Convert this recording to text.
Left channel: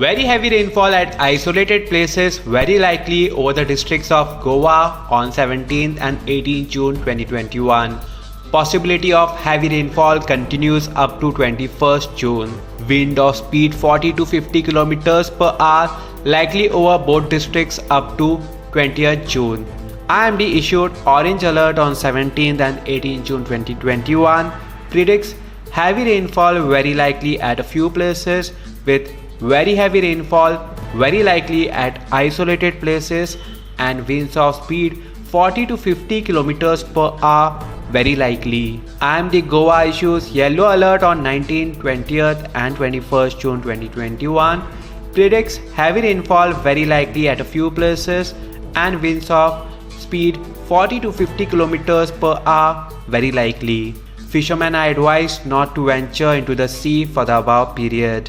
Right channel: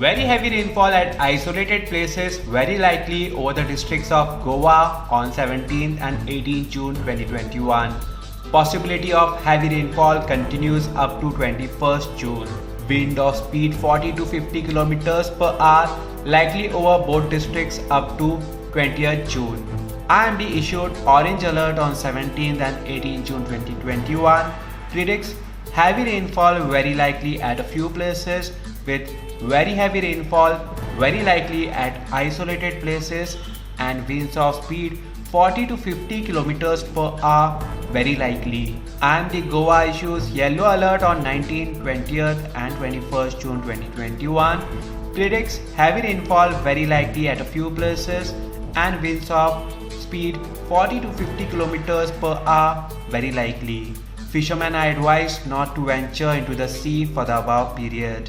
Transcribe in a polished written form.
Very heavy rainfall at isolated places very likely over the districts of Goa on 17th and 18th June 2021. Possibility of heavy rainfall continues up to 21st June. Wind of speed 40 to 50 km per hour likely over both districts up to 20th June. IMD issued orange alert on 17th and 18th June 2021. Predicts heavy rainfall very likely at a few places with very heavy rainfall very likely at isolated places and winds of speed 40 to 50 km per hour very likely. IMD Goa issues yellow alert on 19th, 20th and 21st June 2021. Predicts heavy rainfall very likely at a few places and winds of speed 40 to 50 km per hour very likely. Fishermen are advised not to venture into the sea for the above period.